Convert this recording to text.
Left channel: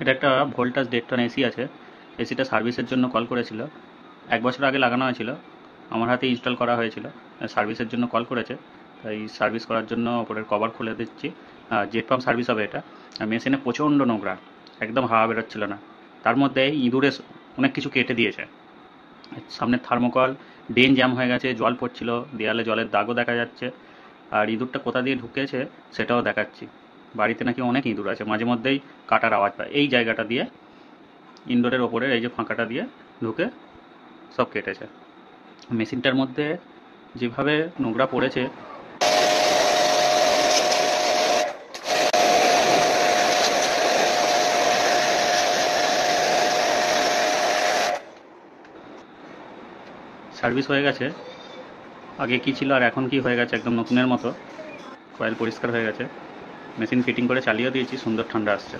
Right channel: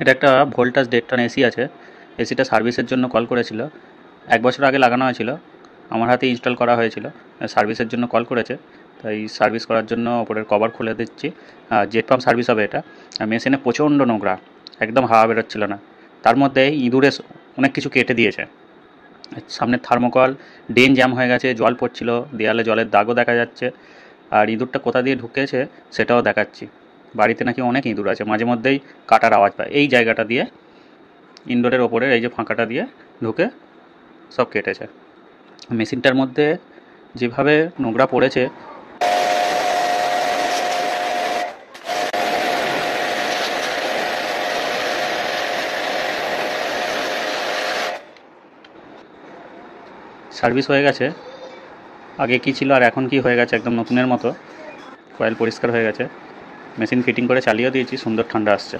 এটা একটা Voltas 1.5 ton AC আছে। এসিটা সার্ভিসের জন্য কল করেছিল, 1 বছর আগে লাগানো হয়েছিল, আমার হাতে ইনস্টল করা হয়েছিল। সার্ভিসের জন্য কল করেছে, তাই সার্ভিস করার জন্য ওপরের কভার খুলে দিচ্ছি। জেট পাম্প সার্ভিস হবে এটা। মেশিনে প্রচণ্ড নোংরা, একদম হাওয়া বেরোচ্ছিল না। তার মধ্যে ইঁদুরে অনেক কিছু কেটে দিয়েছে। সামনের থার্মোকল ড্রেন জ্যাম হয়ে গেছে, জল পড়ছিল, দেয়ালে জলের দাগও দেখা যাচ্ছে। আর ইঁদুরটা কোথা দিয়ে ঢুকেছে সেটাও দেখাচ্ছি। বাড়িতে নাকি অনেক ইঁদুর আছে, মাঝে মধ্যেই কাটার আওয়াজ পায়। এই জায়গাটা দিয়ে, ইনডোরের ওপরের এই যে ফাঁকাটা দিয়ে ঢুকে সব কেটেছে। মেশিনটার মধ্যে যেভাবে নোংরা পড়েছে, সার্ভিস হয়ে গেছে। আগে কি ছিল আর এখন কি হয়ে গেছে, একদম নতুনের মতো। কয়েল পরিষ্কার হয়ে গেছে। মেশিন ফিটিং করে চালিয়েও দিয়েছি, সুন্দর ঠান্ডা আসছে।